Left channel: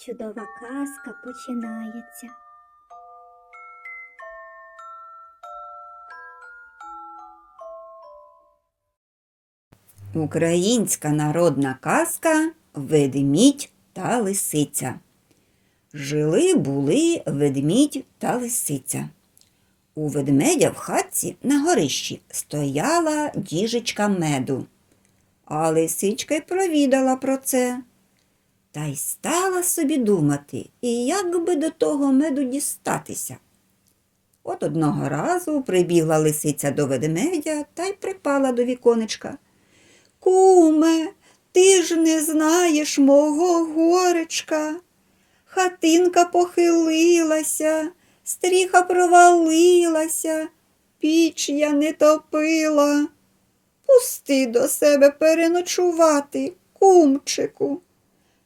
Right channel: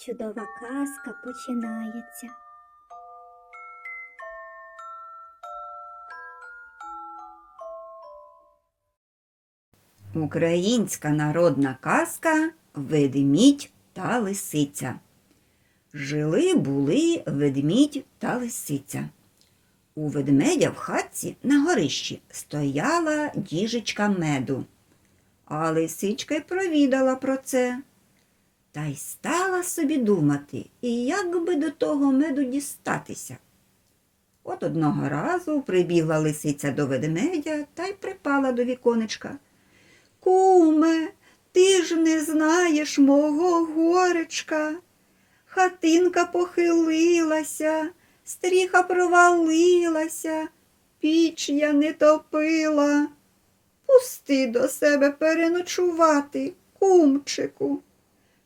чудова казка починається. Українська народна казка Ведмідь та лисиця. Жили були ведмідь та лисиця. У ведмедя в хатці на горищі стояла діжечка меду. А лисичка й провідала про це. Та й стала собі думати, і як би до того меду дістатися. От одного разу прибігла лисиця до ведмедя та й припала до віконечка. Куме, ти ж не знаєш мого горечка. Хатинка похилилася, стріха провалилася, піч я не топила. Пусти до себе переночувати, кумчику.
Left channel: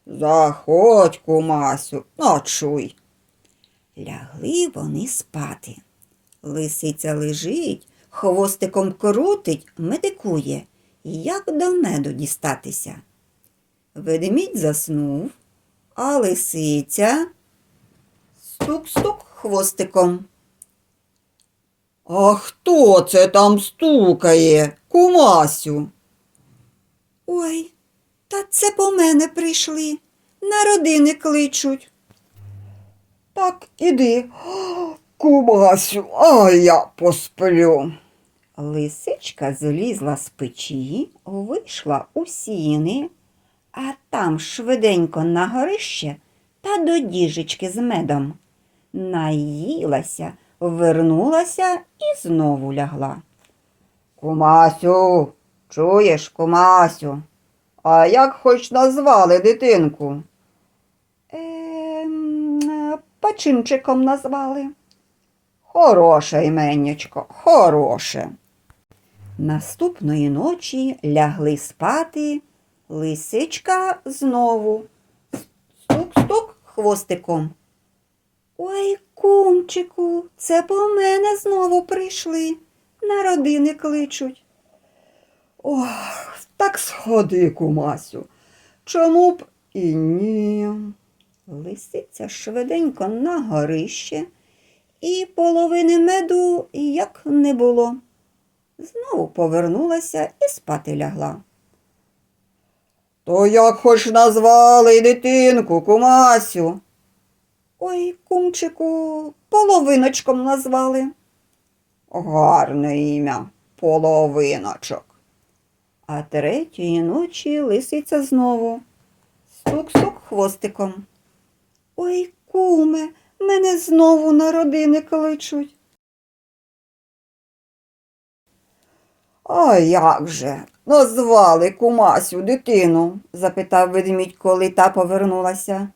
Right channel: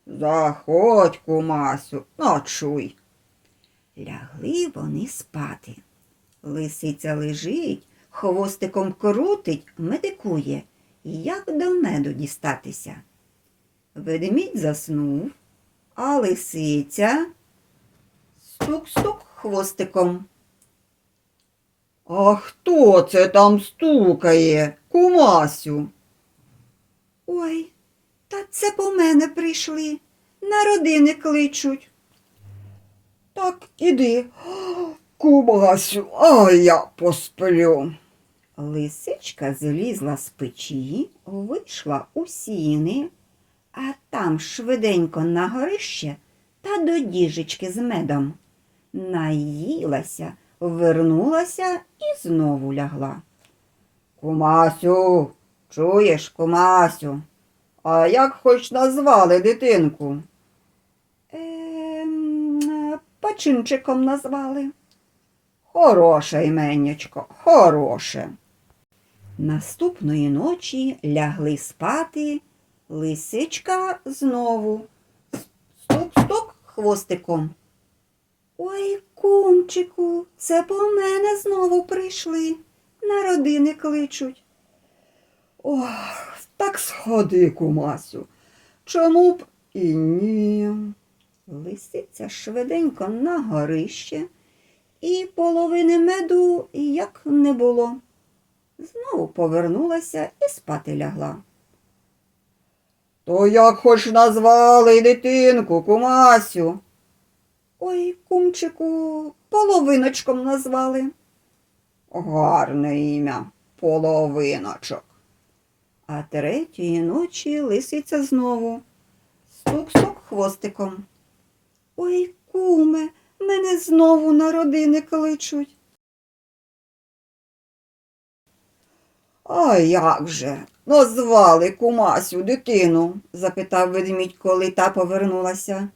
Заходь, кумасю, ночуй. Лягли вони спати. Лисиця лежить, хвостиком крутить, медикує як до меду дістатися. Ведмідь заснув, а лисиця стук-стук хвостиком. А хто це там стукає, кумасю? Ой, та це по мене прийшли, на родини кличуть. Так іди, кумасю, а я посплю. Лисичка злізла з печі, вийшла у сіни, а там швиденько на горище та до діжечки з медом. Наїлася, вернулася і знову лягла. Кумасю, чуєш, кумасю, а як хоч назвали дитинку? Ем, пачинчиком назвали. Хороше іменнячко, хороше. Наступної ночі лягли спати, лисичка знову. Стук-стук хвостиком. Ой, кумчику, це по мене знову прийшли. На родини кличуть. Ох, так сходи, кумасю. Чому б і ні? Лисиця швиденько на горище і половини меду як не було. Знову повернулася і спати лягла. То як хоч назвали дитинку, кумасю? Ой, кумчику, половиночком назвали. Гарне ім'я, половиночок. А третьої ночі лисиця знову. Стук-стук хвостиком. Ой, куме, мене знову на родини кличуть. А як же? Назвали кумасю дитину? запитав ведмідь, коли та повернулася.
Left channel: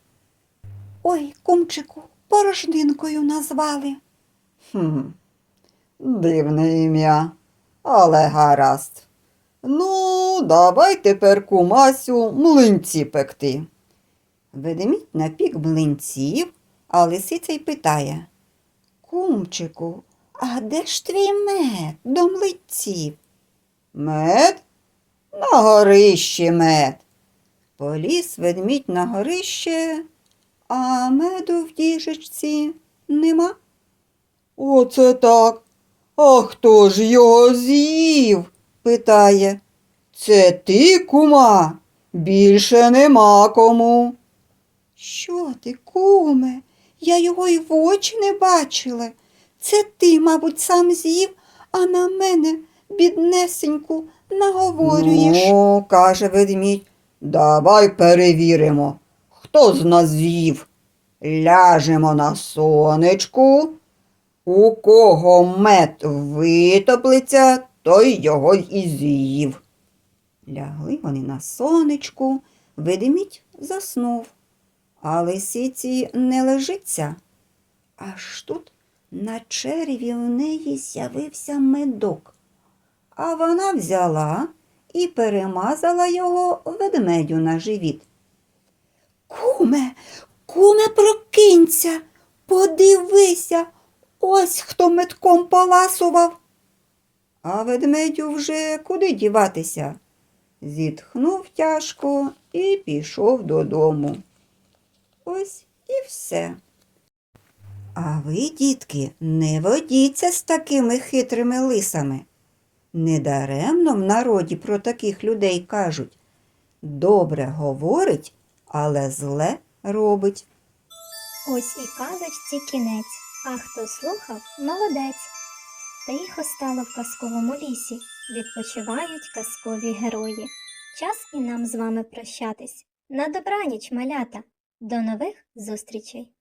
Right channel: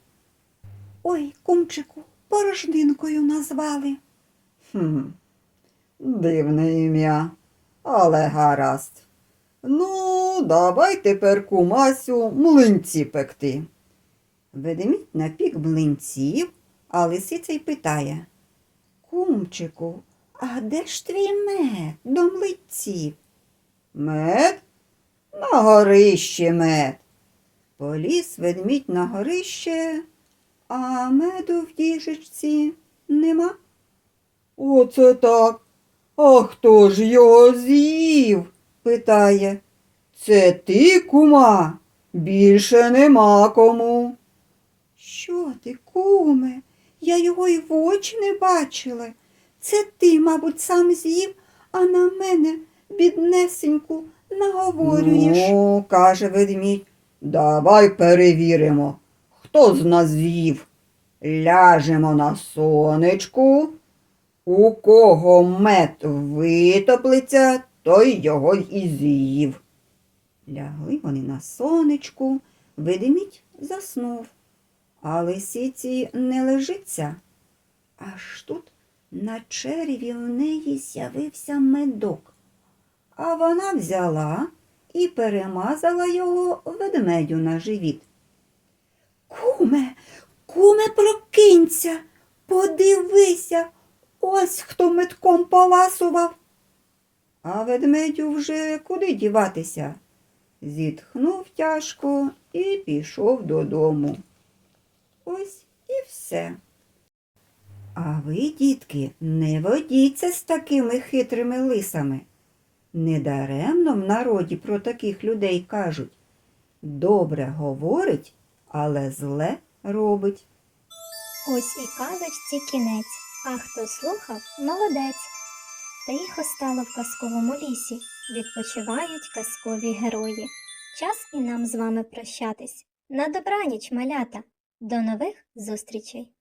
Ой, кумчику, порожнинкою назвали. Хм, дивне ім'я, але гаразд. Ну, давай тепер кумасю млинці пекти. Ведмідь напік млинців, а лисиця й питає. Кумчику, а де ж твій мед до млинців? Мед? На горищі мед. Поліз ведмідь на горище, а меду в діжечці нема. Оце так. А хто ж його з'їв? Питає. Це ти, кума? Більше нема кому. Що ти, куме? Я його й в очі не бачила. Це ти, мабуть, сам з'їв, а на мене, біднесеньку, наговорюєш. Ну, каже ведмідь, давай перевіримо, хто з нас з'їв. Ляжемо на сонечку. У кого мед витоплиться, той його і з'їв. Лягли вони на сонечку, ведмідь заснув, а лисиці не лежиться. Аж тут на череві в неї з'явився медок, а вона взяла і перемазала його ведмедю на живіт. Куме, куме, прокинься, подивися, ось хто метком поласував. А ведмедю вже куди діватися? Зітхнув тяжко і пішов додому. Ось і все. А ви, дітки, не водіться з такими хитрими лисами. Недаремно в народі про таких людей кажуть добре говорить, але зле робить. Ось і казочці кінець, а хто слухав, молодець. Тихо стало в казковому лісі, відпочивають казкові герої. Час і нам з вами прощатись. На добраніч, малята. До нових зустрічей!